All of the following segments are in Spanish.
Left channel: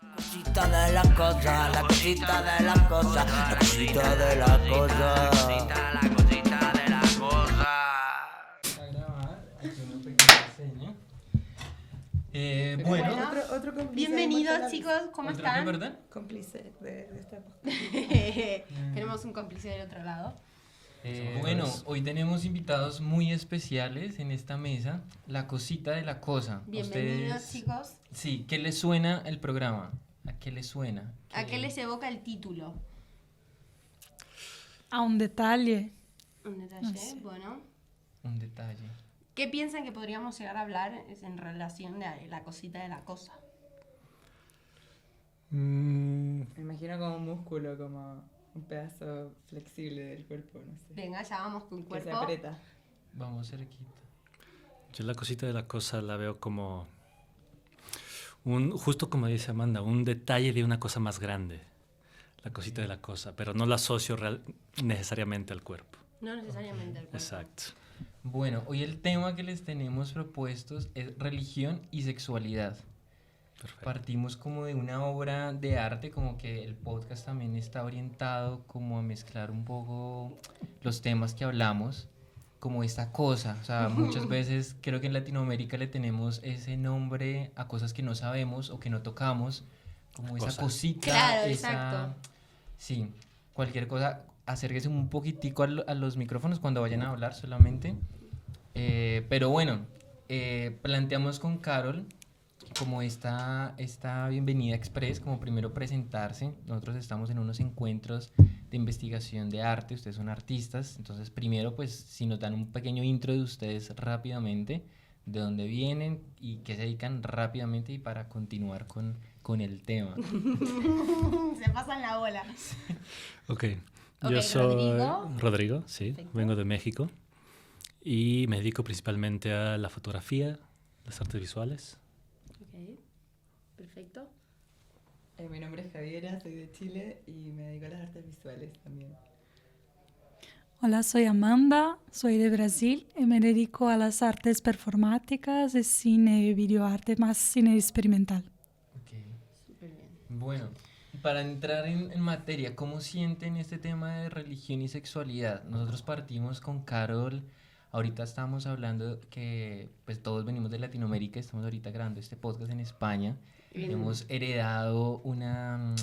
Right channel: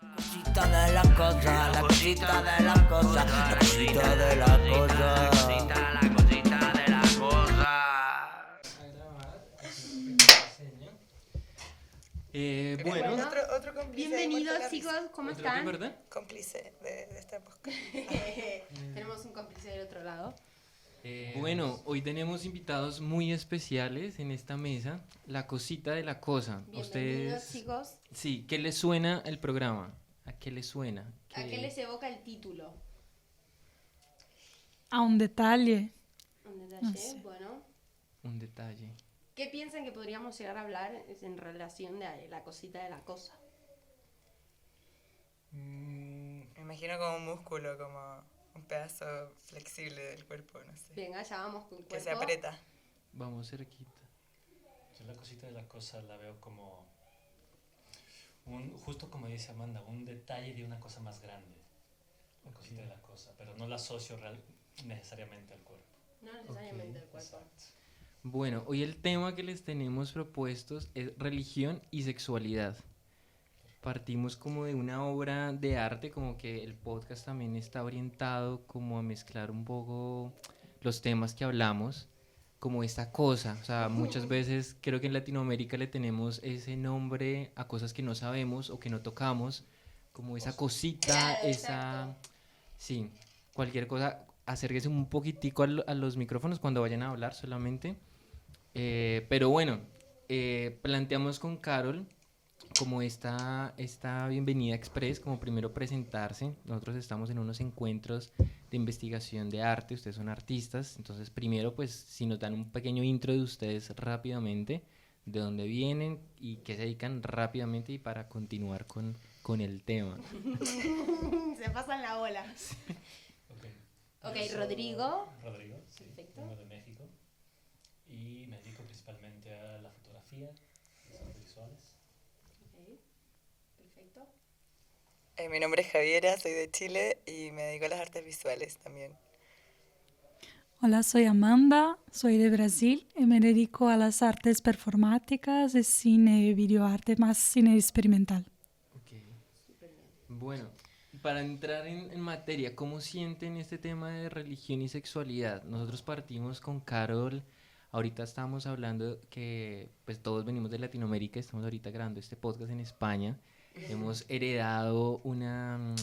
Cosita de la cosa, la cosita de la cosa, la cosita de la cosa. La cosita de la cosa. A grabar, aquí una pequeña seña. Bueno, Otro cómplice. Bienvenidos chicos, ¿cómo ¿otro están? qué, verdad? Cómplice de esta época. Tenemos un cómplice del otro lado. Bueno, hoy tenemos invitados muy especiales en esta mesa. La cosita de la cosa. Bienvenidos Ustedes, chicos. sí, ¿qué les suena el programa? ¿A qué les suena? ¿A qué les evoca el título? A un detalle. Un detalle, No sé. bueno. Un detalle. ¿Qué piensan que podríamos llegar a hablar en relación de la cosita de la cosa? Me imagino como un músculo, como un pedazo flexible del cuerpo, no sé. Venga, ya vamos con el Que se cuerpo. aprieta. Vamos cerquita. Yo la cosita de la cosa la veo como justo como dice Amanda, un detalle de una cosa más grande. La cosita de la cosa, pero no la asocio necesariamente al cuerpo. No necesariamente el cuerpo. Exacto. Bueno, hoy el tema que les tenemos propuestos es religión y sexualidad. Perfecto. Partimos como de una obra de arte, como que el podcast también está orientado como a mezclar un poco los temas que hablamos, como esta cosa. O sea, muchas veces creo que en Latinoamérica le tenemos ese nombre a cosas que no sabemos o que no tocamos, como esa Cosa. cosita, Claro, esa... exacto. Sí, cualquier cosa, acérquese un poquitico a los micrófonos cuando vayan a hablar solamente. Pero bueno, planteamos con Carol como esta bienvenida express, como primero presentarse. Nosotros estamos en unos encuentros de investigación de arte, ustedes son artistas, entonces primero pues si nos dan un pequeño intro de ustedes rápidamente, de dónde vienen y qué se dedican rápidamente y para continuar con el tema. Se pasan la bola. Ok. Ok, Yo soy Rodrigo. Rodrigo, sí. Perfecto. Vengo de México y me dedico principalmente a la fotografía, las artes visuales. Ok, perfecto. Mi nombre es Javiera, soy de Chile y me dedico a las artes visuales también. Hola, soy Amanda, soy de Brasil y me dedico a las artes performáticas, de cine, videoarte, más cine experimental. Ok. Bueno, para entrar en materia, ¿cómo sienten este tema de religión y sexualidad? Nosotros partimos con Carol, ahorita estamos hablando que pues todos venimos de Latinoamérica, estamos ahorita grabando este podcast en España, hemos heredado una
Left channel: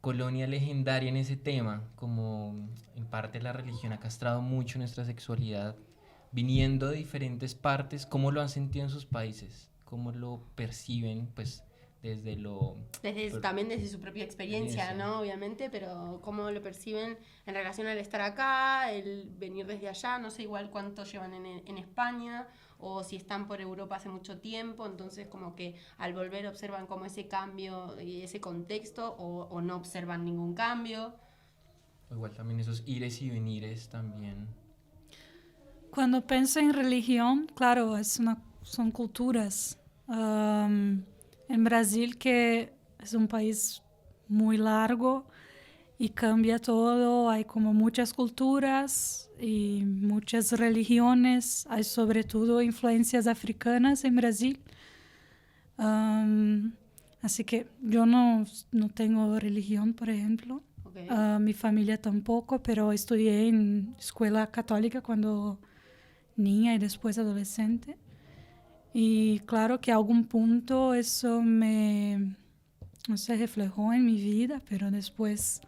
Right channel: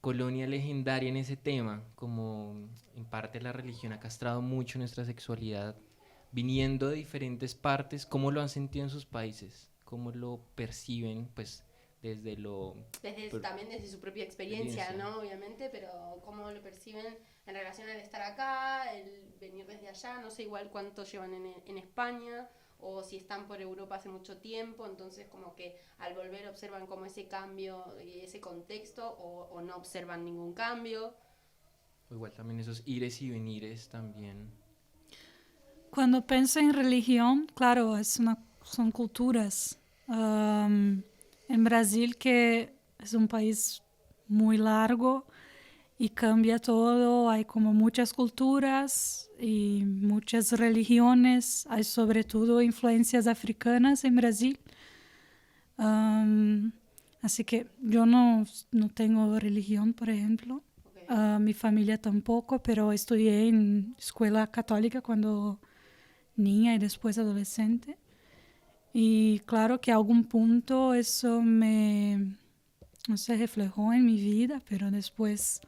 colonia legendaria en ese tema, como en parte la religión ha castrado mucho nuestra sexualidad, viniendo de diferentes partes. ¿Cómo lo han sentido en sus países? ¿Cómo lo perciben pues desde lo... También desde su propia experiencia, Experiencia. ¿no? Obviamente, pero cómo lo perciben en relación al estar acá, el venir desde allá, no sé igual cuánto llevan en España, o si están por Europa hace mucho tiempo, entonces como que al volver observan como ese cambio y ese contexto, o no observan ningún cambio. O igual también esos ires y venires también. Cuando pienso en religión, claro, son culturas. En Brasil, que es un país muy largo y cambia todo, hay como muchas culturas y muchas religiones, hay sobre todo influencias africanas en Brasil. Así que yo no tengo religión, por ejemplo. Okay. Mi familia tampoco, pero estudié en escuela católica cuando niña y después adolescente. Y claro que a algún punto eso no se reflejó en mi vida, pero después,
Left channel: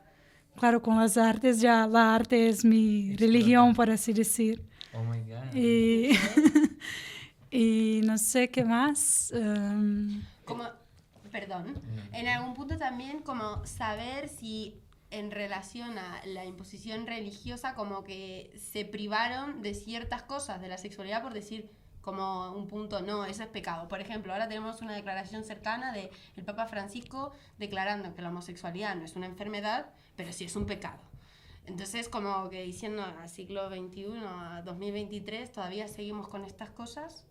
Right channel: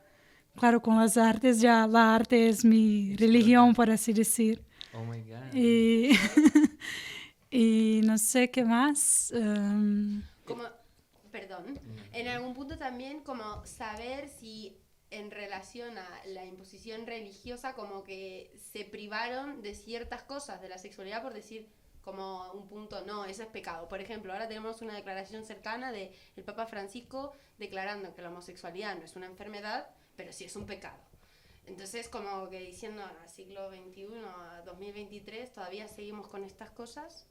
claro, con las artes ya la arte es mi religión, por así decir. Oh my God. Y no sé qué más. Perdón, en algún punto también como saber si en relación a la imposición religiosa como que se privaron de ciertas cosas de la sexualidad por decir como un punto, no, eso es pecado. Por ejemplo, ahora tenemos una declaración cercana del Papa Francisco declarando que la homosexualidad no es una enfermedad, pero sí es un pecado. Entonces, como que diciendo al siglo XXI, a 2023, todavía seguimos con estas cosas.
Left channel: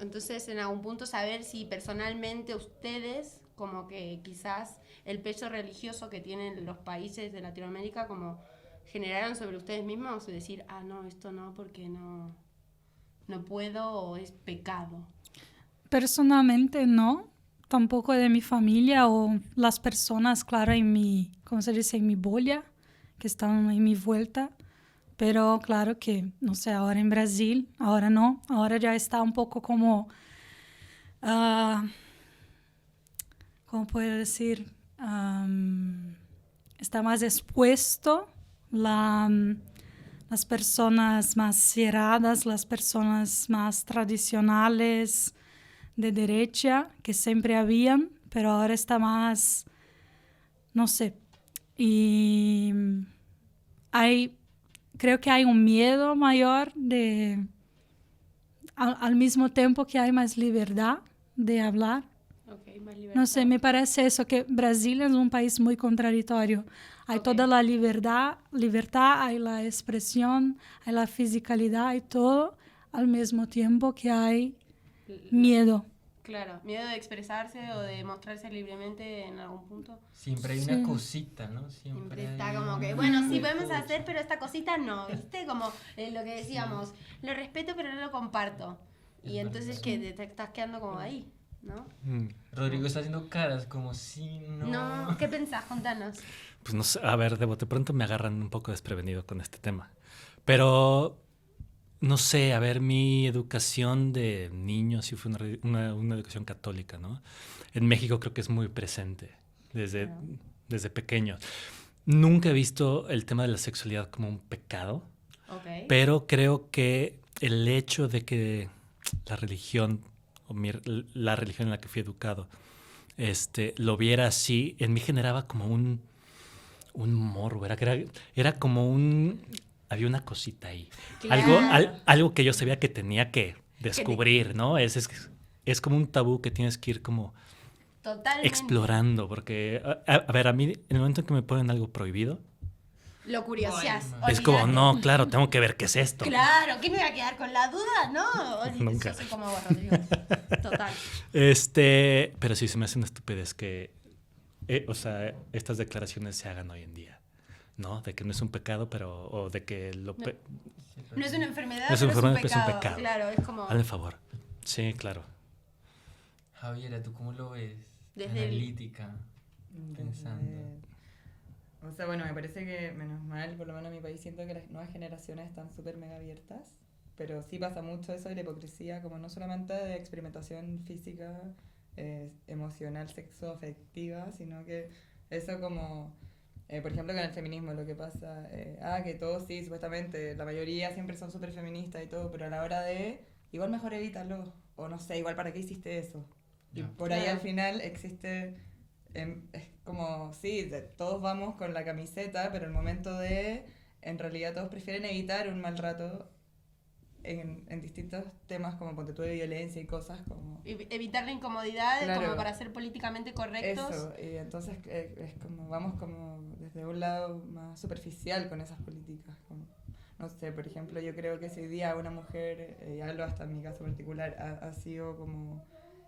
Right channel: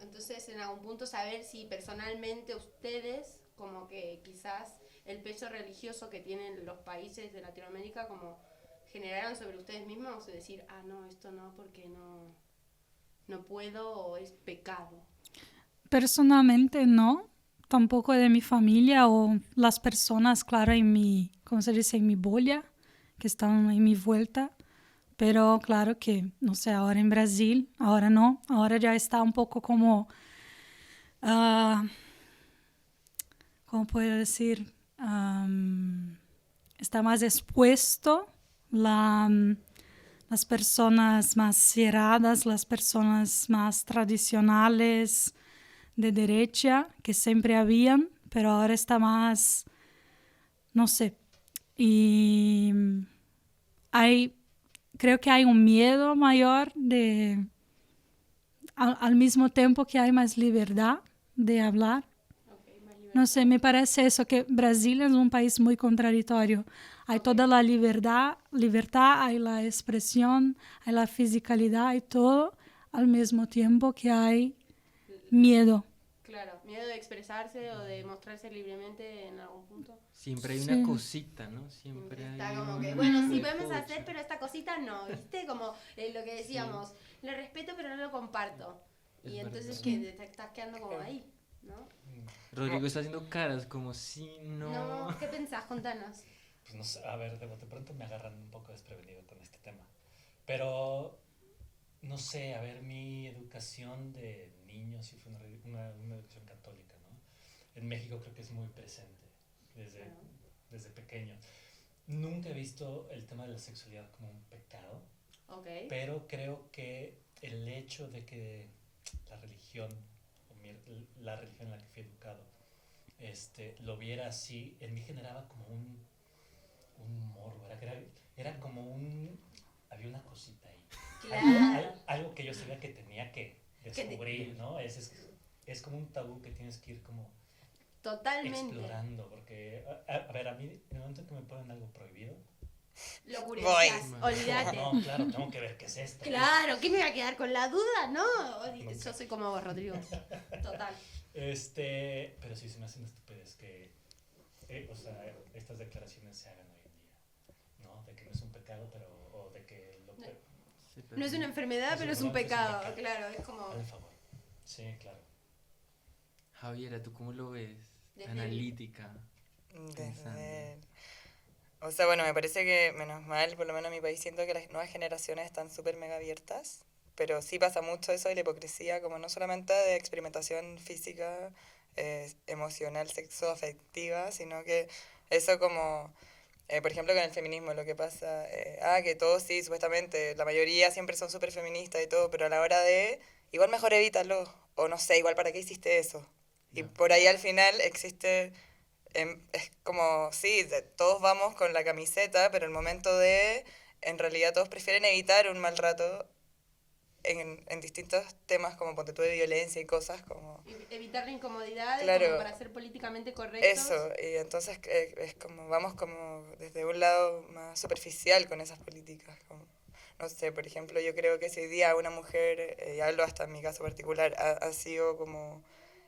Entonces, en algún punto saber si personalmente ustedes, como que quizás el peso religioso que tienen los países de Latinoamérica, como generaron sobre ustedes mismos, o decir, no, esto no, porque no puedo, o es pecado. Personalmente no. tampoco de mi familia o las personas, claro, en mi, ¿cómo se dice? En mi bola, que están en mi vuelta. Pero claro que, no sé, ahora en Brasil, ahora no, ahora ya está un poco como, ¿cómo puedo decir? Está más expuesto las personas más cerradas, las personas más tradicionales de derecha, que siempre habían, pero ahora está más, no sé. Y creo que hay un miedo mayor al mismo tiempo que hay más libertad de hablar. No sé, me parece eso, que Brasil es un país muy contradictorio. Hay toda la libertad, hay la expresión, hay la fisicalidad, hay todo, al mismo tiempo que hay miedo. Claro, miedo de expresarse o de mostrarse libremente en algún punto. Siempre hay una cosita, ¿no? Siempre hay está como que, una bueno, sí cosa. podemos hacer, pero esta cosita no, ¿viste? Como lo que decíamos, lo respeto pero no lo comparto. Es Y entonces verdad. que te estás quedando como ahí, ¿no? Rodrigo está haciendo caras como si no... No, ¿qué pensás? Contanos. Pues no sé, a ver, de bote pronto me agarran un poco desprevenido con este tema. Pero, no sé, a ver, mi educación de niño sí fue una educación católica, ¿no? En México creo que es muy presente desde pequeño. Nunca he visto el tema de la sexualidad como un pecado, Okay. pero creo que el hecho de que la religión, la religión en la que fui educado, lo viera así, en mí generaba como un morbo, era como había una cosita ahí, Claro. algo que yo sabía que tenía que descubrir, ¿no? Es como un tabú que tienes que ir como Totalmente. explorando, porque, a ver, a mí, en el momento en que me ponen algo prohibido, Lo curioseas. es como, olvidate. no, claro, tengo que ver qué es esto. Claro, ¿qué me va a quedar con la duda? No, Nunca. yo soy como vos, Rodrigo. Total. Pero sí se me hace una estupidez que, o sea, estas declaraciones se hagan hoy en día, ¿no? De que no es un pecado, o de que No es una enfermedad, No es pero una es un enfermedad, pero es un pecado. pecado. Claro, es como... hazme favor. Sí, claro. Javiera, ¿tú cómo lo ves? Desde Analítica. O sea, bueno, me parece que, menos mal, por lo menos en mi país, siento que las nuevas generaciones están súper mega abiertas, pero sí pasa mucho eso de la hipocresía, como no solamente de experimentación física, emocional, sexoafectiva, sino que eso como, por ejemplo, con el feminismo, lo que pasa, que todos sí, supuestamente, la mayoría siempre son súper feministas y todo, pero a la hora de, igual mejor evítalo, o no sé, igual para qué hiciste eso. Y por ahí al final existe... es como, sí, todos vamos con la camiseta, pero el momento de, en realidad todos prefieren evitar un mal rato en distintos temas como ponte tú de violencia y cosas como... Evitar la incomodidad Claro. como para ser políticamente correctos. Eso, y entonces es como, vamos como desde un lado más superficial con esas políticas. Como, no sé, por ejemplo, yo creo que si hoy día una mujer, y hablo hasta en mi caso particular, ha sido como...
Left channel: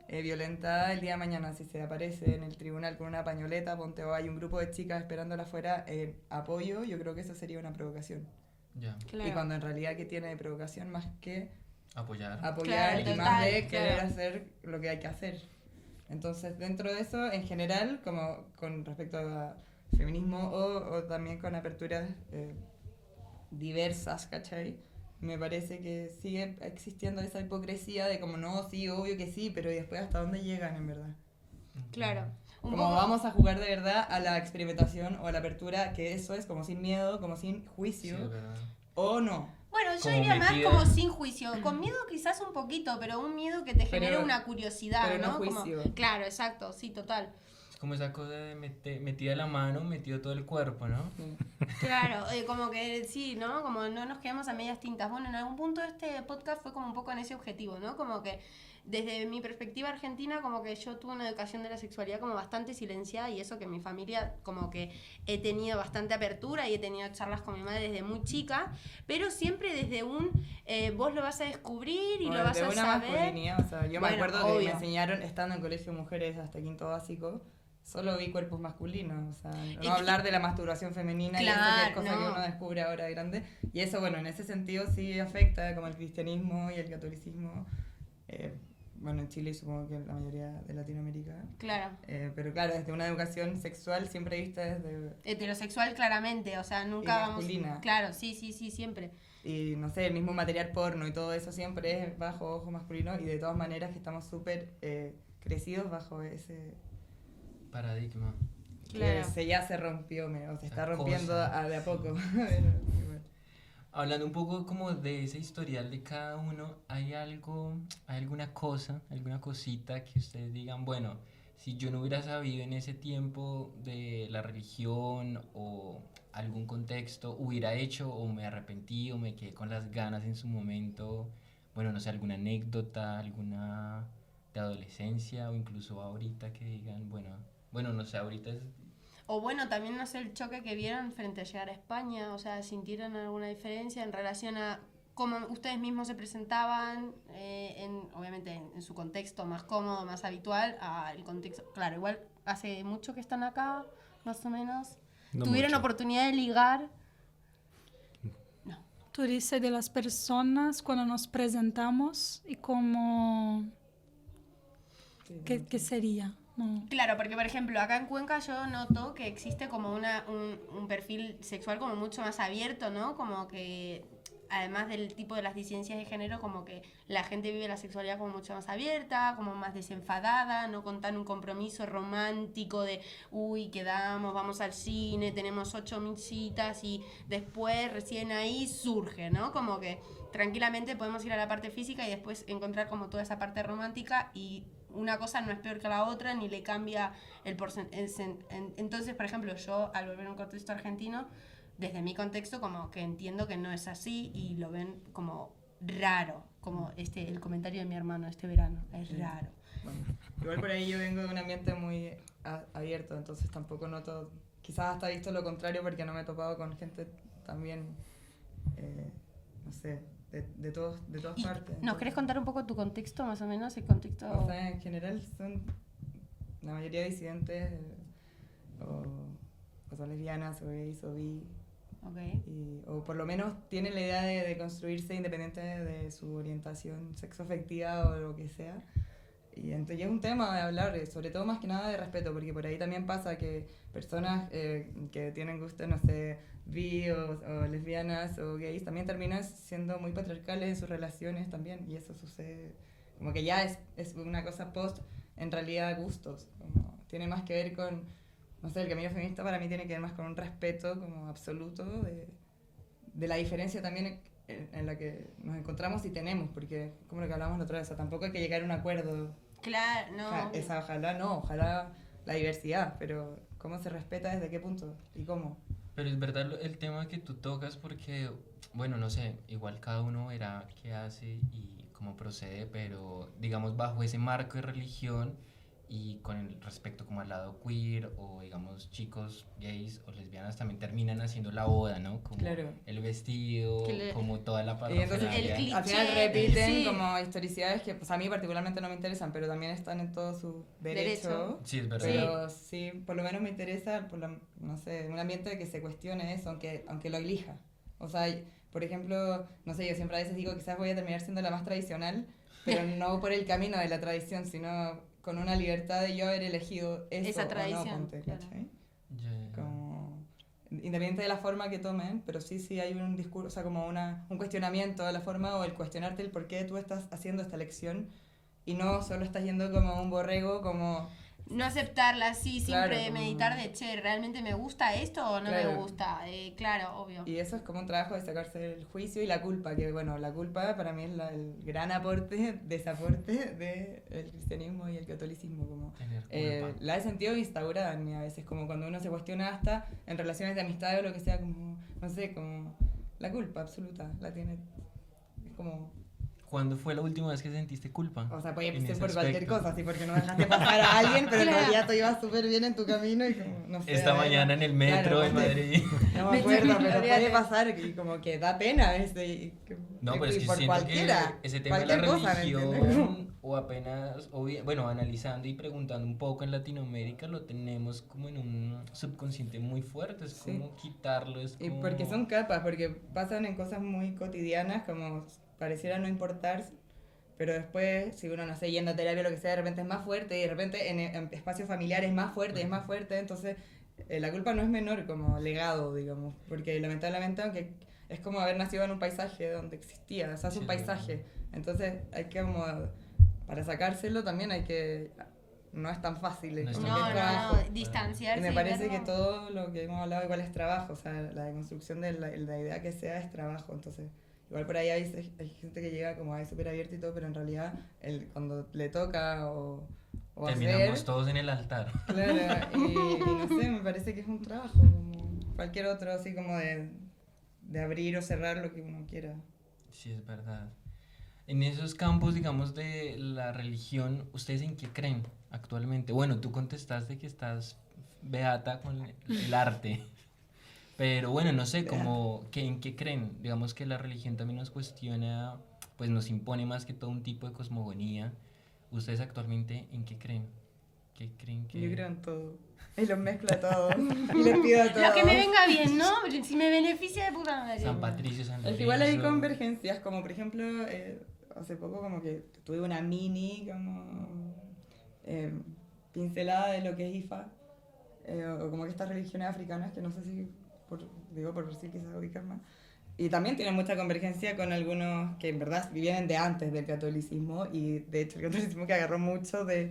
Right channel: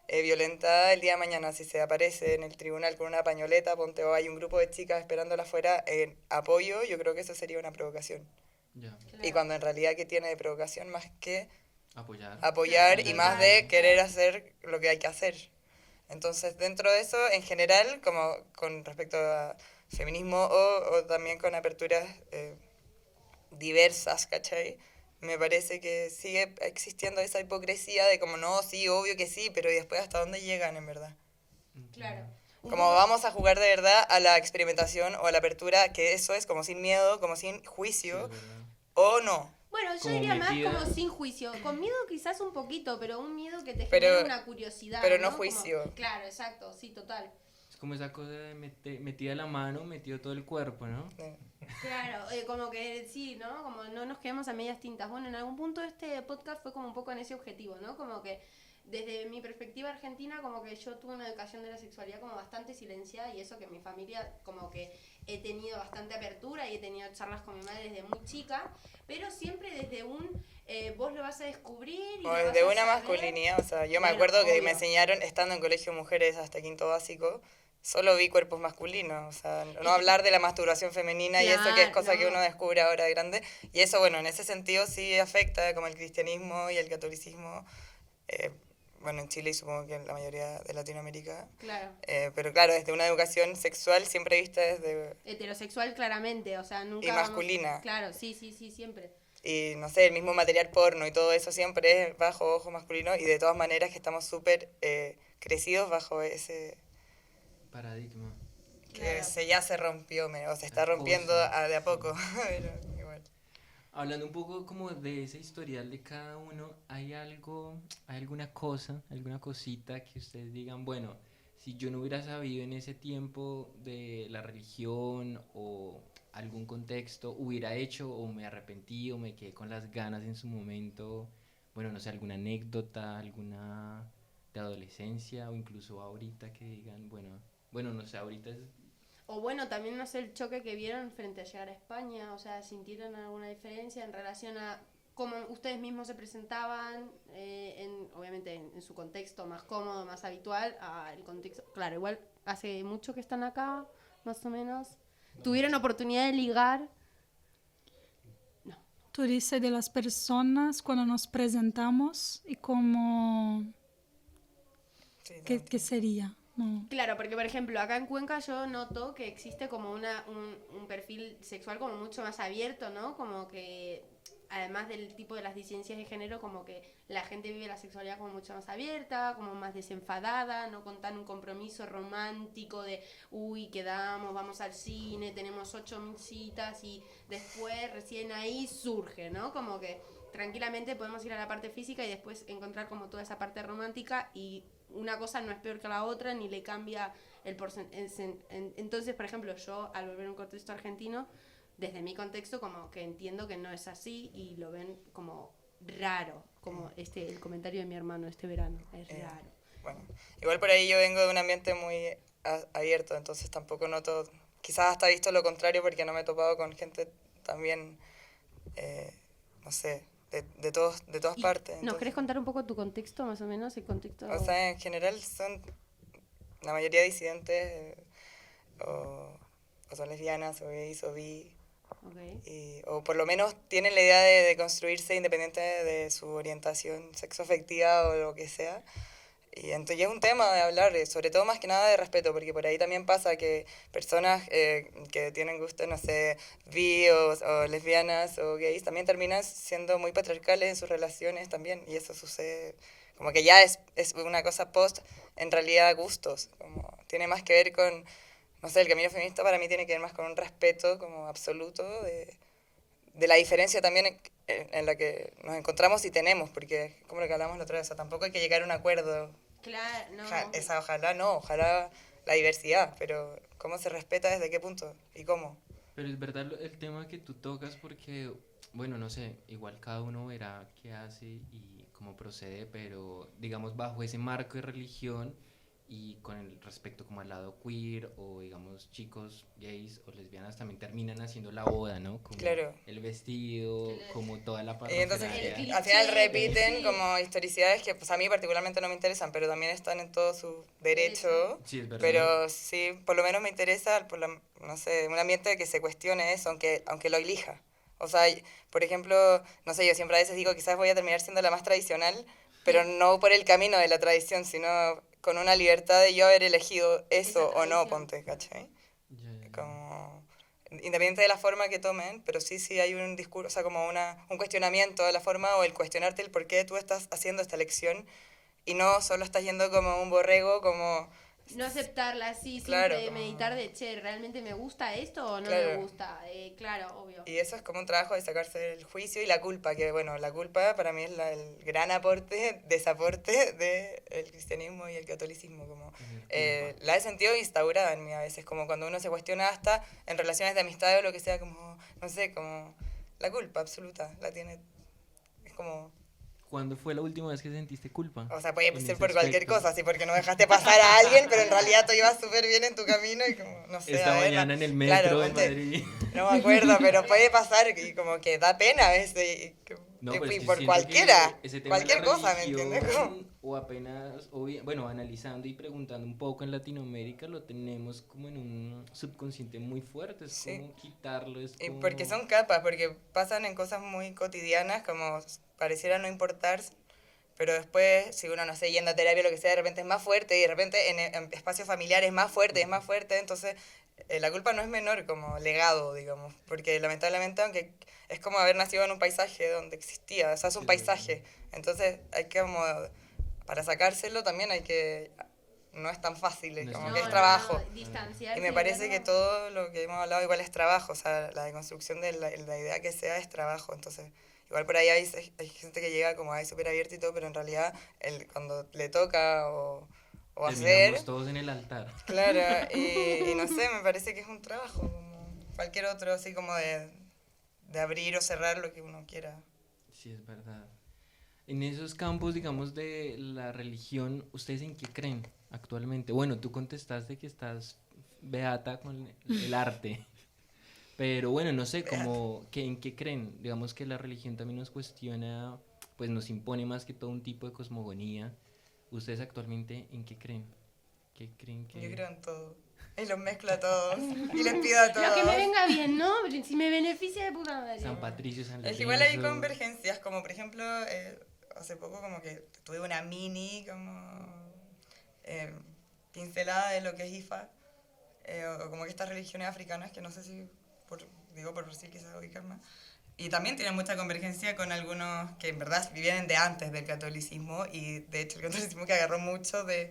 violentada el día de mañana, si se aparece en el tribunal con una pañoleta, ponte o hay un grupo de chicas esperándola afuera en apoyo, yo creo que eso sería una provocación. Ya. Claro. Y cuando en realidad que tiene de provocación más que Apoyar. apoyar Claro, y más de total, querer claro. hacer lo que hay que hacer. Entonces, dentro de eso, en general, como con respecto a feminismo o también con aperturas diversas, ¿cachai? Me parece que sigue existiendo esa hipocresía de como, no, sí, obvio que sí, pero ¿y después hasta dónde llegan en verdad? Claro. Un Como poco- vamos a jugar de verdad a la experimentación o a la apertura, que eso es como sin miedo, como sin Sí, juicio, es verdad. o no. Bueno, yo Como diría más metida. como sin juicio. Con miedo quizás un poquito, pero un miedo que te Pero- genera una curiosidad. pero no Como- juicio. claro, exacto, sí, total. Es como esa cosa de metida la mano, metido todo el cuerpo, ¿no? Claro, como que sí, ¿no? Como no nos quedamos a medias tintas. Bueno, en algún punto este podcast fue como un poco en ese objetivo, ¿no? Como que desde mi perspectiva argentina, como que yo tuve una educación de la sexualidad como bastante silenciada y eso que en mi familia como que he tenido bastante apertura y he tenido charlas con mi madre desde muy chica, pero siempre desde vos lo vas a descubrir y O lo vas de a una saber. masculinidad, o sea, yo me Bueno, acuerdo que obvio. me enseñaron, estando en colegio de mujeres hasta quinto básico, solo vi cuerpos masculinos, o sea, no hablar de la masturbación femenina y eso que es Claro, cosa que no. uno descubre ahora de grande. Y eso, bueno, en ese sentido sí afecta como el cristianismo y el catolicismo, bueno, en Chile y supongo que en la mayoría de Latinoamérica. Claro. Pero claro, desde una educación sexual siempre vista desde... Heterosexual claramente, o sea, nunca... Y masculina. Claro, sí, sí, sí, siempre. Y no sé, el mismo material porno y todo eso siempre es bajo ojo masculino y de todas maneras que estamos súper crecidos bajo ese... Paradigma. Que Claro. ya se rompió, o se está Acoso. rompiendo de a poco. Pero igual. Hablando un poco como de ese historial de cada uno, ¿hay algo, hay alguna cosa, alguna cosita que ustedes digan, bueno, si yo no hubiera sabido en ese tiempo de la religión o algún contexto, hubiera hecho o me arrepentí o me quedé con las ganas en su momento, bueno, no sé, alguna anécdota, alguna de adolescencia o incluso ahorita que digan, bueno, no sé, ahorita es... O bueno, también no sé el choque que vieron frente a llegar a España, o sea, ¿sintieron alguna diferencia en relación a cómo ustedes mismos se presentaban, obviamente en su contexto más cómodo, más habitual, al contexto? Claro, igual hace mucho que están acá, más o menos. No ¿Tuvieron mucho. oportunidad de ligar? Tú dices de las personas cuando nos presentamos y cómo... Sí, no, ¿Qué sería? No. Claro, porque por ejemplo, acá en Cuenca yo noto que existe como un perfil sexual como mucho más abierto, ¿no? Como que, además del tipo de las disidencias de género, como que la gente vive la sexualidad como mucho más abierta, como más desenfadada, no con tan un compromiso romántico de, uy, quedamos, vamos al cine, tenemos 8.000 citas y después recién ahí surge, ¿no? Como que tranquilamente podemos ir a la parte física y después encontrar como toda esa parte romántica y una cosa no es peor que la otra ni le cambia el porcentaje. Entonces, por ejemplo, yo al volver a un contexto argentino, desde mi contexto como que entiendo que no es así y lo ven como raro, como el comentario de mi hermano este verano, es raro. Bueno, igual por ahí yo vengo de un ambiente muy abierto, entonces tampoco noto, quizás hasta he visto lo contrario porque no me he topado con gente también, no sé, de todas Y, partes. ¿nos Entonces, querés contar un poco tu contexto, más o menos, el contexto? o sea, en general son la mayoría disidentes o son lesbianas o gays o bi, Okay. o por lo menos tienen la idea de construirse independiente de su orientación sexoafectiva o lo que sea. Y entonces es un tema de hablar, sobre todo más que nada de respeto, porque por ahí también pasa que personas que tienen gusto, no sé, bi o lesbianas o gays, también terminan siendo muy patriarcales en sus relaciones también, y eso sucede, como que ya es una cosa post, en realidad, gustos, como tiene más que ver con, no sé, el camino feminista para mí tiene que ver más con un respeto como absoluto de la diferencia también en la que nos encontramos y tenemos, porque como lo que hablamos la otra vez, o sea, tampoco hay que llegar a un acuerdo. Claro, no. Ojalá la diversidad, pero ¿cómo se respeta desde qué punto y cómo? Pero es verdad el tema que tú tocas porque, bueno, no sé, igual cada uno verá qué hace y cómo procede, pero digamos bajo ese marco de religión y con el respecto como al lado queer o digamos chicos gays o lesbianas también terminan haciendo la boda, ¿no? Como Claro. el vestido, como toda la Y entonces parafernalia. al final cliché, repiten sí. como historicidades que pues a mí particularmente no me interesan, pero también están en todo su derecho. Sí, es verdad. Pero sí, por lo menos me interesa, no sé, un ambiente que se cuestione eso, aunque lo elija. O sea, por ejemplo, no sé, yo siempre a veces digo, quizás voy a terminar siendo la más tradicional, pero no por el camino de la tradición, sino con una libertad de yo haber elegido eso o no, tradición, ponte, claro. ¿cachai? Ya. Como, independiente de la forma que tomen, pero sí hay un discurso, o sea, como un cuestionamiento de la forma o el cuestionarte el por qué tú estás haciendo esta elección y no solo estás yendo como un borrego, como... No aceptarla así, Claro, siempre como- meditar de, che, ¿realmente me gusta esto o no me Claro. gusta? Claro, obvio. Y eso es como un trabajo de sacarse el juicio y la culpa, que bueno, la culpa para mí es el gran desaporte del cristianismo y el catolicismo. Como, Tener culpa. la he sentido instaurada en mí a veces, como cuando uno se cuestiona hasta en relaciones de amistad o lo que sea, como, no sé, como la culpa absoluta, la tiene, es como... ¿Cuándo fue la última vez que sentiste culpa? O sea, puede en ser ese por cualquier aspecto? cosa, así porque no dejaste pasar a alguien, pero en realidad tú ibas súper bien en tu camino y como, no sé. Esta a ver, mañana en el metro claro, en ponte- Madrid. No me acuerdo, pero puede pasar y como que da pena a veces. No, pero es que por siento cualquiera, que ese tema de cualquier la cosa, ¿me entiendes? religión, o apenas, bueno, analizando y preguntando un poco en Latinoamérica, lo tenemos como en un subconsciente muy fuerte, es Sí. como quitarlo, es Y como... porque son capas, porque pasan en cosas muy cotidianas, como pareciera no importar, pero después, si uno, no sé, yendo a terapia o lo que sea, de repente es más fuerte, y de repente en espacios familiares es más fuerte, entonces la culpa no es menor como legado, digamos, porque lamentablemente, aunque es como haber nacido en un paisaje donde existía, o sea, es un paisaje, entonces hay que como, para sacárselo también hay que, no es tan fácil, es como que es trabajo. Distanciarse. Y me parece que todo lo que hemos hablado igual es trabajo, o sea, la deconstrucción de la idea que sea es trabajo, entonces igual por ahí hay gente que llega como ahí súper abierta y todo, pero en realidad cuando le toca o Terminamos hacer... todos en el altar. Claro, y no sé, me parece que es un trabajo, como cualquier otro, así como de abrir o cerrar lo que uno quiera. Sí, es verdad. En esos campos, digamos, de la religión, ¿ustedes en qué creen actualmente? Bueno, tú contestaste que estás beata con el arte. Pero bueno, no sé, como, ¿en qué creen? Digamos que la religión también nos cuestiona, pues nos impone más que todo un tipo de cosmogonía. ¿Ustedes actualmente en qué creen? ¿Qué creen que...? Yo creo en todo. Y los mezclo a todos. Y les pido a todos. Lo que me venga bien, ¿no? Si me beneficia de puta madre. San Patricio, San Lorenzo... Es que igual hay convergencias, como por ejemplo, hace poco como que tuve una mini como pincelada de lo que es IFA, o como que estas religiones africanas, que no sé si, digo por Brasil quizás ubicar más, y también tienen mucha convergencia con algunos que en verdad vienen de antes del catolicismo, y de hecho el catolicismo que agarró mucho de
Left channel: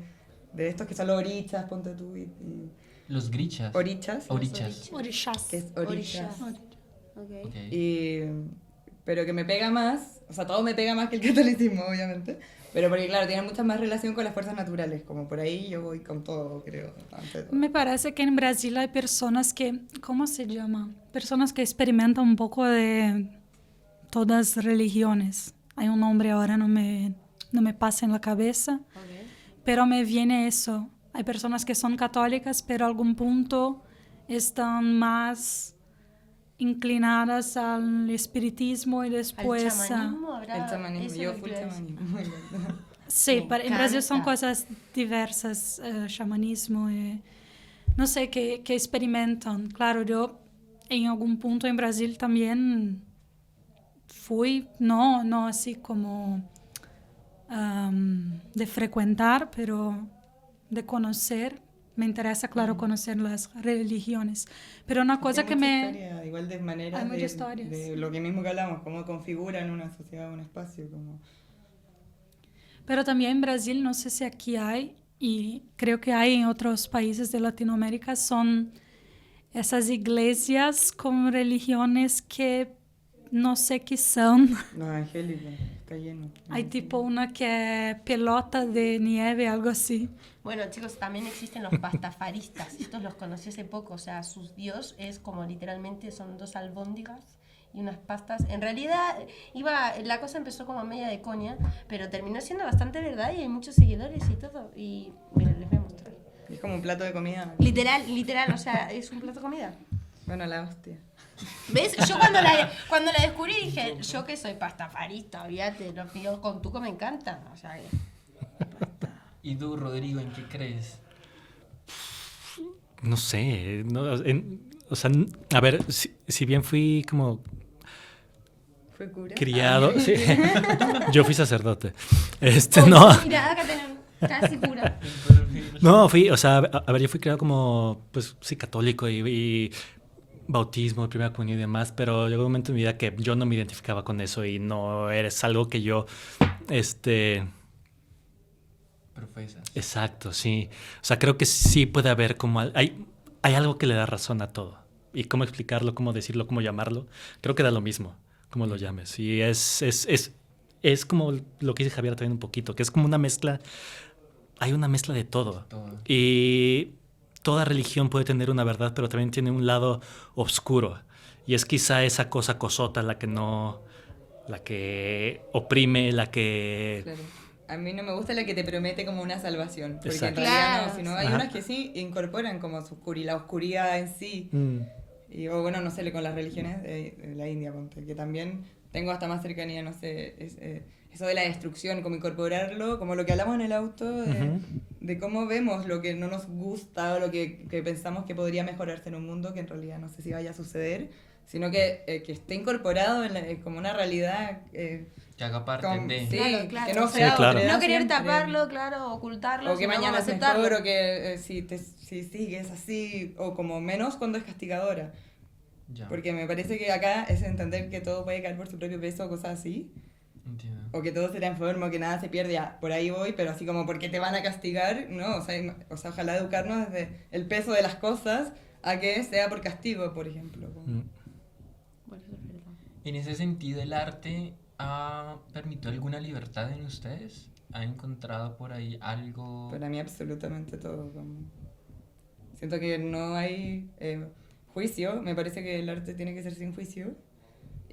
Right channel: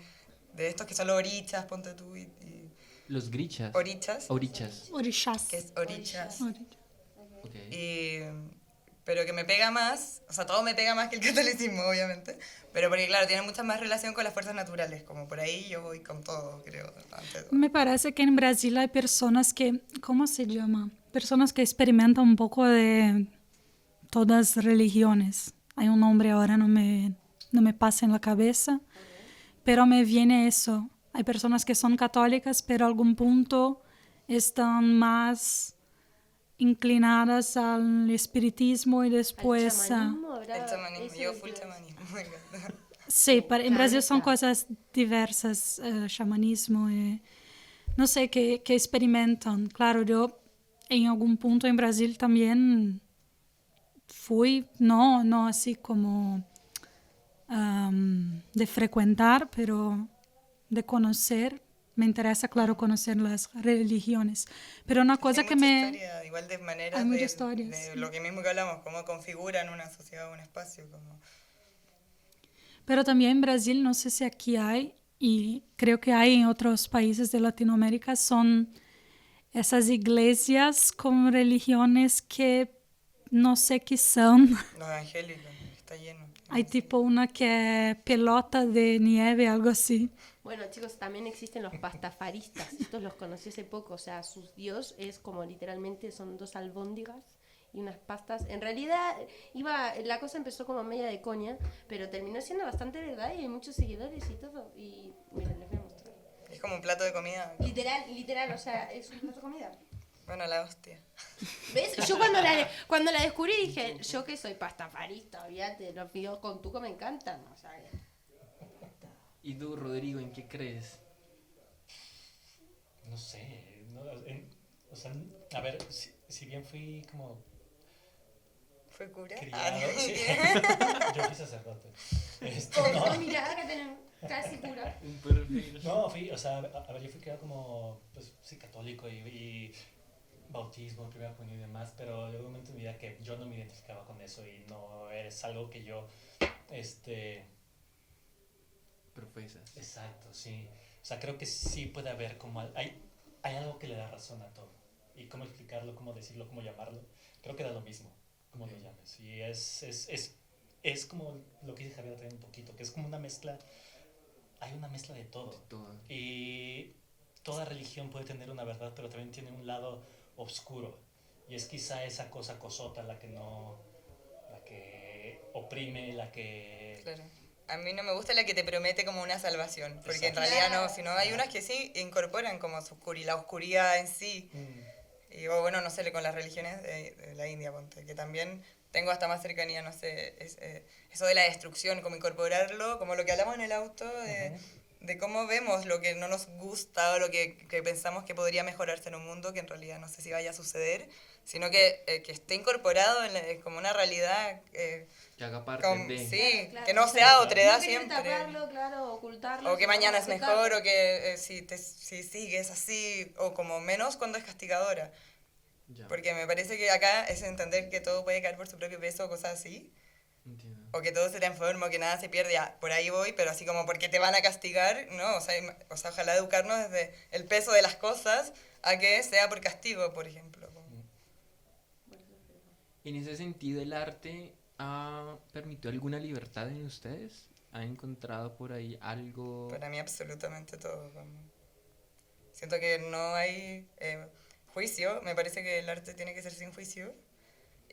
estos que son los orichas, ponte tú, y Los grichas. orichas. Orixás. Que es orichas. Okay. Pero que me pega más, o sea, todo me pega más que el catolicismo, obviamente, pero porque, claro, tiene mucha más relación con las fuerzas naturales, como por ahí yo voy con todo, creo. Me parece que en Brasil hay personas que, ¿cómo se llama? Personas que experimentan un poco de todas las religiones. Hay un nombre ahora, no me pasa en la cabeza, pero me viene eso. Hay personas que son católicas, pero a algún punto están más inclinadas al espiritismo y después... El chamanismo, yo full chamanismo. Sí, en Brasil son cosas diversas, chamanismo, no sé, que experimentan. Claro, yo en algún punto en Brasil también fui, no así como de frecuentar, pero de conocer. Me interesa, claro, conocer las religiones. Pero una cosa que me... Historia, igual de maneras hay muchas historias. De lo que mismo que hablamos, cómo configuran una sociedad, un espacio, como... Pero también en Brasil, no sé si aquí hay, y creo que hay en otros países de Latinoamérica, son esas iglesias con religiones que no sé qué son. Los evangélicos, está lleno. Hay tipo una que es pelota de nieve, algo así. Bueno, chicos, también existen los pastafaristas. Estos los conocí hace poco. O sea, su dios es como literalmente son 2 albóndigas y unas pastas. En realidad, la cosa empezó como media de coña, pero terminó siendo bastante verdad y hay muchos seguidores y todo. Y miren, les voy a mostrar. Es como un plato de comida. Literal, o sea, es un plato de comida. Bueno, la hostia. ¿Ves? Yo cuando la descubrí dije, yo que soy pastafarista, olvídate, los videos con tuco me encantan. O sea, ¿Y tú, Rodrigo, en qué crees? No sé, o sea, a ver, si bien fui como ¿Fue cura? criado, sí, yo fui sacerdote, no, mira, acá tenemos, casi pura. no, o sea, a ver, yo fui criado como, pues, sí, católico y bautismo, primera comunión y demás, pero llegó un momento en mi vida que yo no me identificaba con eso y no eres algo que yo, Profesas. Exacto, sí. O sea, creo que sí puede haber como... Hay algo que le da razón a todo. Y cómo explicarlo, cómo decirlo, cómo llamarlo. Creo que da lo mismo, cómo lo llames. Y es como lo que dice Javier también un poquito, que es como una mezcla... Hay una mezcla de todo. Y toda religión puede tener una verdad, pero también tiene un lado oscuro. Y es quizá esa cosa cosota la que no... La que oprime, la que... Claro. A mí no me gusta la que te promete como una salvación, porque Exacto. en realidad Claro. no, sino hay unas que sí incorporan como la oscuridad en sí. Y o bueno, no sé, con las religiones de la India, ponte, que también tengo hasta más cercanía, no sé, eso de la destrucción, como incorporarlo, como lo que hablamos en el auto, de cómo vemos lo que no nos gusta o lo que pensamos que podría mejorarse en un mundo, que en realidad no sé si vaya a suceder, sino que esté incorporado como una realidad. Que haga parte de... Sí, Claro. que no Sí, sea claro. otredad No querer siempre. taparlo, claro, ocultarlo. O que sino mañana es como aceptarlo. mejor, o que si sigues así, o como menos cuando es castigadora. Ya, Porque me parece que acá es entender que todo puede caer por su propio peso o cosas así. entiendo. O que todo se transforma, o que nada se pierde. Ya, por ahí voy, pero así como porque te van a castigar, ¿no? O sea, ojalá educarnos desde el peso de las cosas a que sea por castigo, por ejemplo. Mm. En ese sentido, ¿el arte ha permitido alguna libertad en ustedes? ¿Han encontrado por ahí algo? Para mí absolutamente todo. Siento que no hay juicio. Me parece que el arte tiene que ser sin juicio.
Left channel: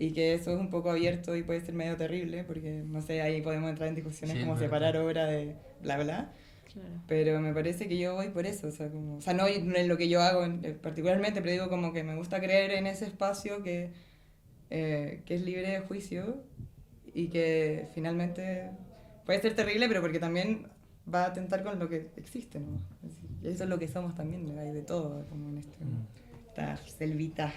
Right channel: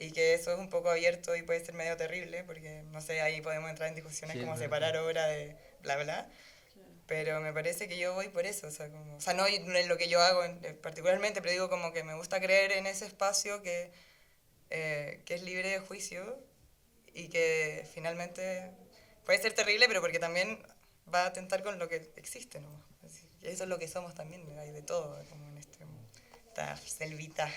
Y que eso es un poco abierto y puede ser medio terrible, porque, no sé, ahí podemos entrar en discusiones Sí, es como verdad. separar obra de bla, bla. Claro. Pero me parece que yo voy por eso. O sea, no en lo que yo hago particularmente, pero digo como que me gusta creer en ese espacio que es libre de juicio y que finalmente puede ser terrible, pero porque también va a atentar con lo que existe, ¿no? Eso es lo que somos también, hay de todo, como en esta selvita.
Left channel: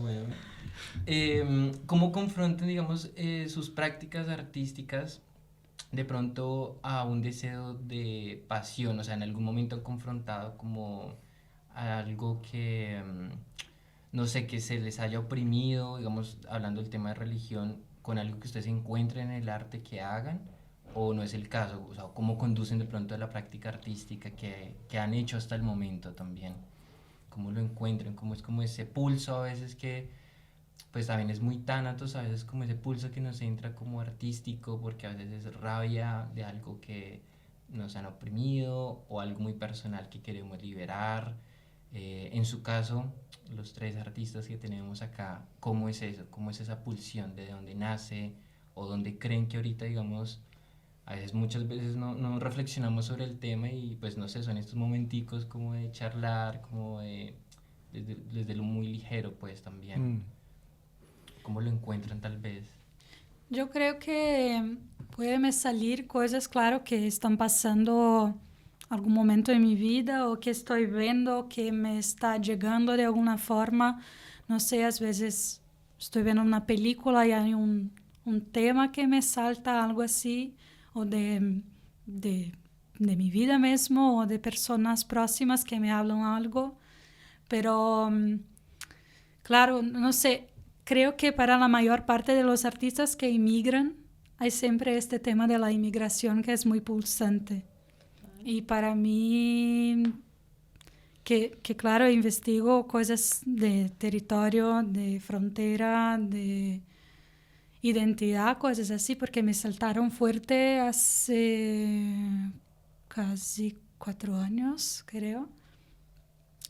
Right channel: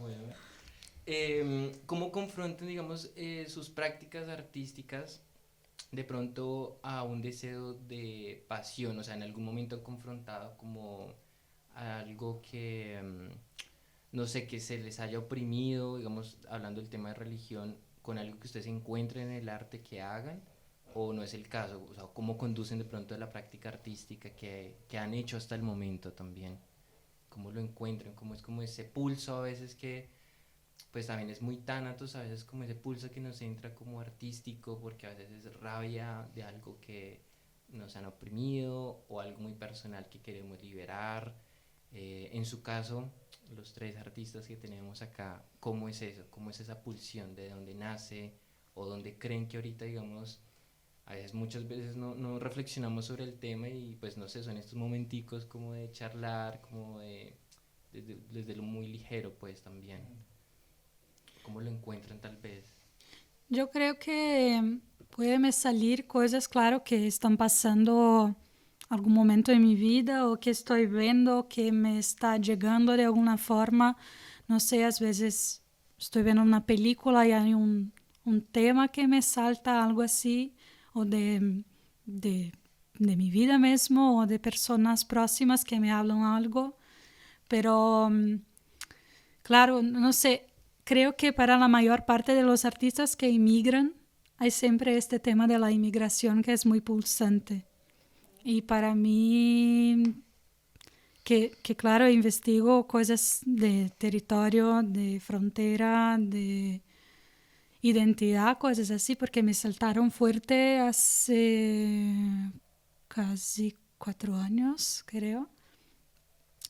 Bueno, ¿cómo confrontan, digamos, sus prácticas artísticas de pronto a un deseo de pasión? O sea, ¿en algún momento han confrontado como algo que, no sé, que se les haya oprimido, digamos, hablando del tema de religión, con algo que ustedes encuentren en el arte que hagan? ¿O no es el caso? O sea, ¿cómo conducen de pronto a la práctica artística que han hecho hasta el momento también? ¿Cómo lo encuentran? ¿Cómo es como ese pulso a veces que, pues también es muy tánatos, a veces como ese pulso que nos entra como artístico, porque a veces es rabia de algo que nos han oprimido o algo muy personal que queremos liberar? En su caso, los tres artistas que tenemos acá, ¿cómo es eso? ¿Cómo es esa pulsión? ¿De dónde nace? ¿O dónde creen que ahorita, digamos, a veces muchas veces no reflexionamos sobre el tema y pues no sé, son estos momenticos como de charlar, como desde lo muy ligero pues también? Mm. ¿Cómo lo encuentran tal vez? Yo creo que puede me salir cosas, claro, que están pasando algún momento en mi vida o que estoy viendo que me está llegando de alguna forma. No sé, a veces estoy viendo una película y hay un tema que me salta, algo así, o de mi vida mismo o de personas próximas que me hablan algo. Pero, claro, no sé, creo que para la mayor parte de los artistas que emigran, hay siempre este tema de la inmigración que es muy pulsante. Y para mí, que claro, investigo cosas de territorio, de frontera, de identidad, cosas así, porque me saltaron fuerte hace casi 4 años, creo.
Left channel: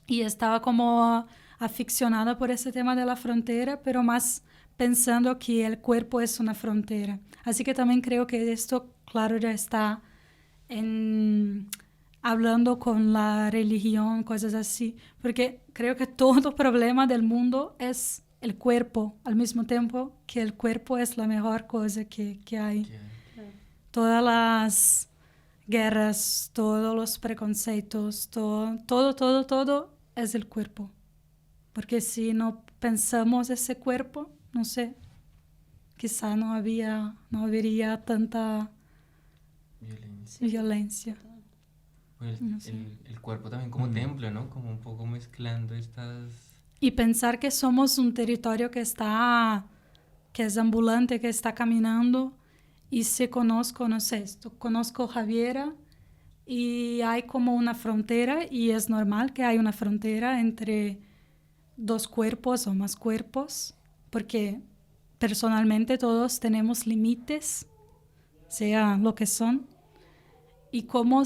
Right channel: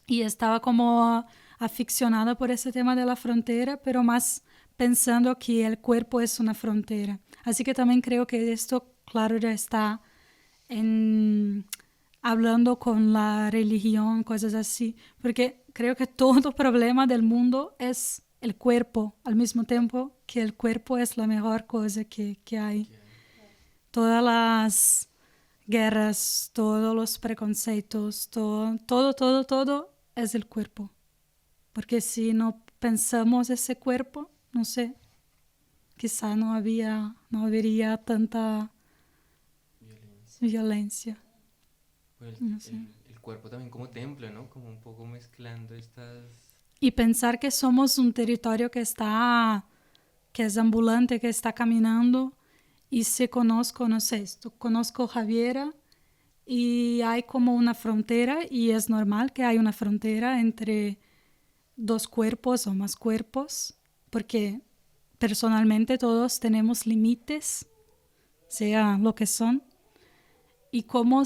Y estaba como aficionada por ese tema de la frontera, pero más pensando que el cuerpo es una frontera. Así que también creo que esto, claro, ya está hablando con la religión, cosas así, porque creo que todo problema del mundo es el cuerpo, al mismo tiempo que el cuerpo es la mejor cosa que hay. Todas las guerras, todos los preconceptos, todo es el cuerpo. Porque si no pensamos ese cuerpo, no sé, quizá no habría tanta violencia. Pues No sé. el cuerpo también como templo, ¿no? Como un poco mezclando estas... Y pensar que somos un territorio que es ambulante, que está caminando. Y si conozco, no sé, conozco Javiera y hay como una frontera y es normal que hay una frontera entre 2 cuerpos o más cuerpos, porque personalmente todos tenemos límites, sea lo que son, y cómo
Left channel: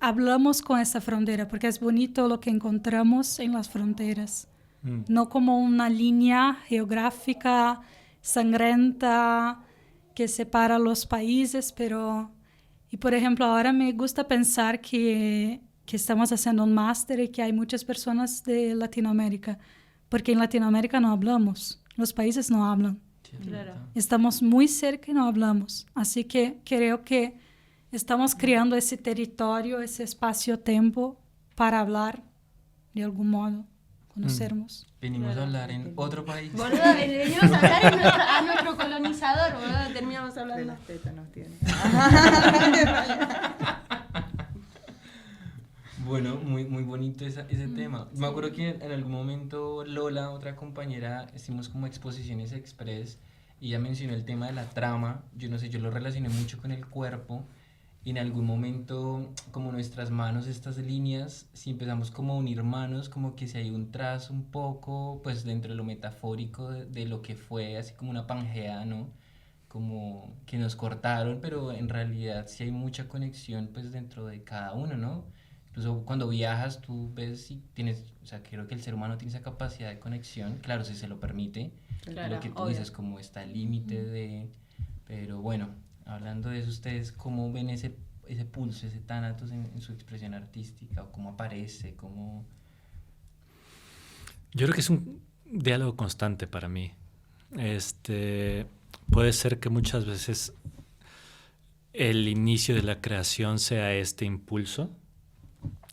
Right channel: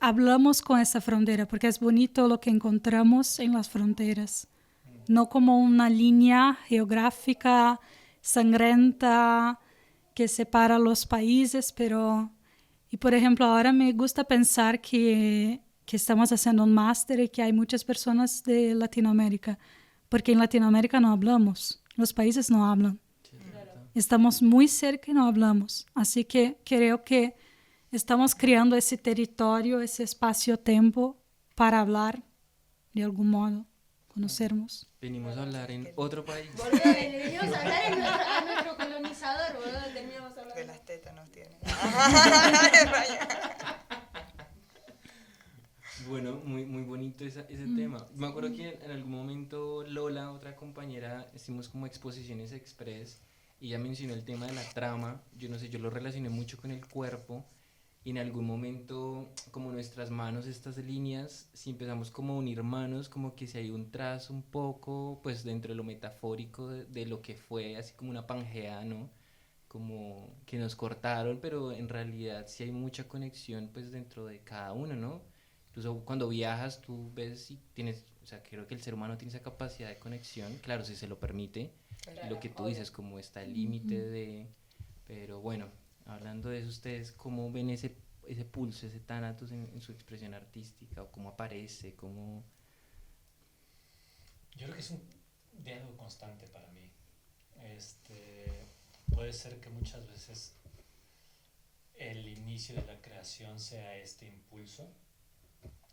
hablamos con esa frontera, porque es bonito lo que encontramos en las fronteras, no como una línea geográfica sangrienta que separa los países, pero... Y por ejemplo, ahora me gusta pensar que estamos haciendo un máster y que hay muchas personas de Latinoamérica, porque en Latinoamérica no hablamos, los países no hablan. Sí, Claro. Estamos muy cerca y no hablamos. Así que creo que estamos creando ese territorio, ese espacio-tiempo para hablar de algún modo conocernos. Venimos a hablar en otro país. Boludo, venimos a hablar a nuestro colonizador, boludo, terminamos De hablando. las tetas nos tiene. Bueno, muy, muy bonito ese tema. Me acuerdo que en algún momento Lola, otra compañera, hicimos como exposiciones express y ella mencionó el tema de la trama. Yo no sé, yo lo relacioné mucho con el cuerpo y en algún momento como nuestras manos, estas líneas, si empezamos como a unir manos, como que si hay un trazo un poco, pues dentro de lo metafórico de lo que fue, así como una pangea, ¿no? Como que nos cortaron, pero en realidad sí hay mucha conexión pues dentro de cada uno, ¿no? Incluso cuando viajas tú ves si tienes, o sea, creo que el ser humano tiene esa capacidad de conexión, claro, si se lo permite, Claro, lo que tú obvio. dices, como está el límite de... Pero bueno, hablando de eso, ¿ustedes cómo ven ese pulso, ese tánatos en su expresión artística? ¿O cómo aparece? ¿Cómo...? Yo creo que es un diálogo constante para mí. Puede ser que muchas veces el inicio de la creación sea este impulso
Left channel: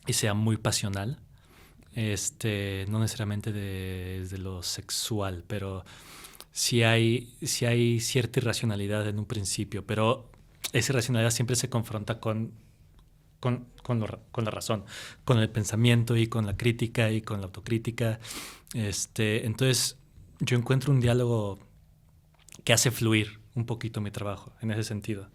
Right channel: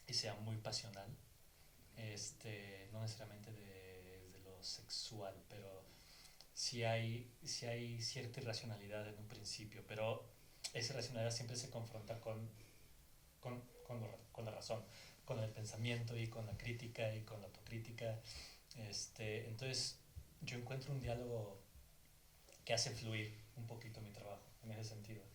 y sea muy pasional, no necesariamente desde lo sexual, pero sí hay cierta irracionalidad en un principio, pero esa irracionalidad siempre se confronta con la razón, con el pensamiento y con la crítica y con la autocrítica. Entonces yo encuentro un diálogo que hace fluir un poquito mi trabajo en ese sentido.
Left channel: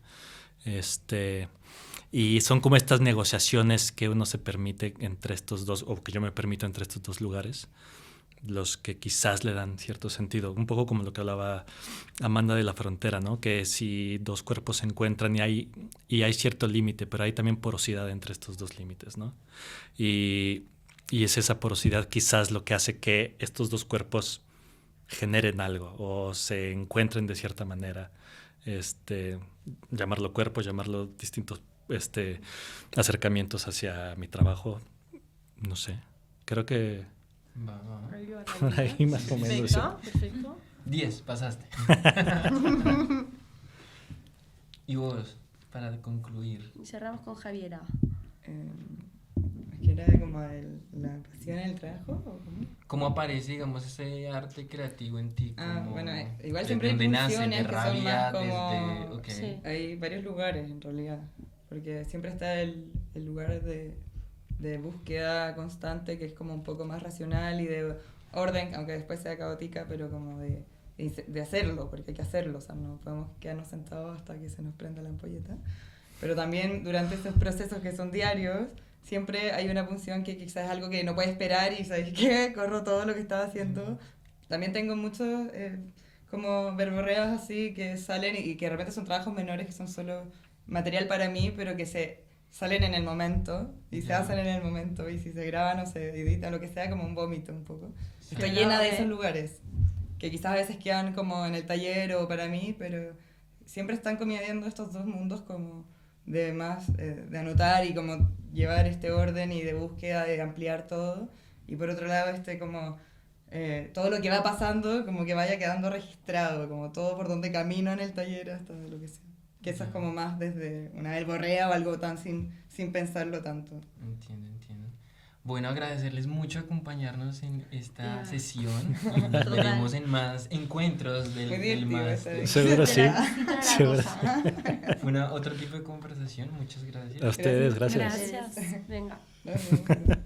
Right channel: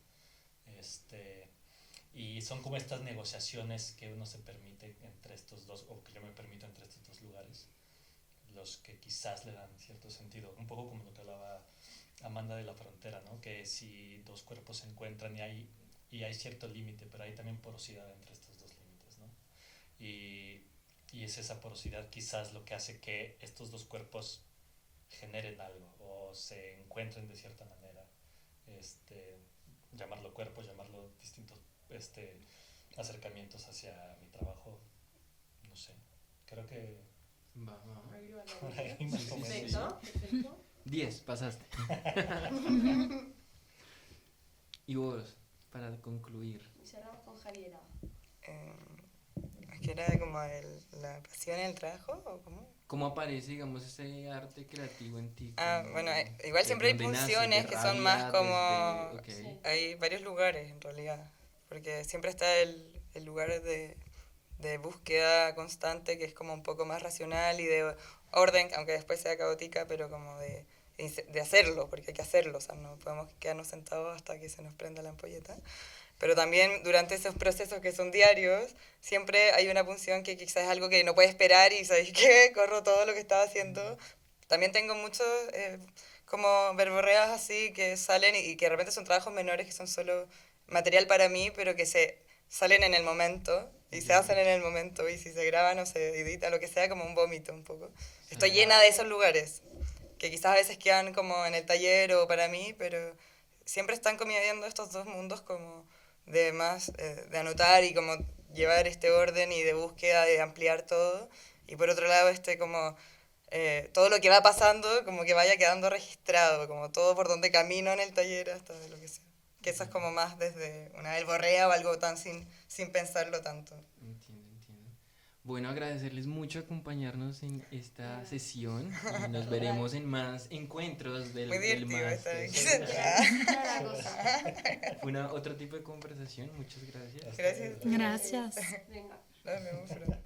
Y son como estas negociaciones que uno se permite entre estos dos, o que yo me permito entre estos dos lugares, los que quizás le dan cierto sentido. Un poco como lo que hablaba Amanda de la frontera, ¿no? Que si dos cuerpos se encuentran y hay cierto límite, pero hay también porosidad entre estos dos límites, ¿no? Y es esa porosidad quizás lo que hace que estos dos cuerpos generen algo o se encuentren de cierta manera. Llamarlo cuerpo, llamarlo distintos acercamientos hacia mi trabajo, no sé, creo que por ahí más o menos. Perfecto. 10, pasaste. Y vos, para concluir. Y cerramos con Javiera. Es que era como la pasión en el trabajo, ¿o cómo? ¿Cómo aparece, digamos, ese arte creativo en ti? Bueno, igual ¿De siempre hay dónde nace? pulsiones ¿De que son más rabia? como... Ok. Sí. Hay varios lugares en realidad, porque siempre está el lugar de búsqueda constante que es como un poco más racional y de orden, aunque después sea caótica, pero como de hacerlo, porque hay que hacerlo, o sea, no podemos quedarnos sentados hasta que se nos prenda la ampolleta. Pero también durante esos procesos que son diarios, siempre hay una punción que quizás es algo que no puede esperar y ¿sabes qué? Corro todo lo que estaba haciendo. También tengo muchos como verborreas así que salen y que de repente son trabajos menores que son solo material para mí, pero que se salen en el momento y se hacen en el momento y si se graban o se editan, lo que sea, como un vómito un poco. Estoy llena de esos lugares que quizás a veces quedan como en el taller o para mí, pero siempre están conviviendo estos dos mundos como de más, de anotar y como llevar este orden y de búsqueda, de ampliar todo. Y por otro lado, como todo lo que va pasando, como que vaya quedando registrado, como todo por donde camino en el taller hasta lo que sea. Que eso es como más desde una verborrea o algo tan sin pensarlo tanto. Entiendo. Bueno, agradecerles mucho acompañarnos en esta sesión. Nos veremos en más encuentros Muy del divertido más. estar aquí. Seguro sí. Seguro. Fue otro tipo de conversación. Muchas gracias. A ustedes, gracias. Gracias. Venga. No, no.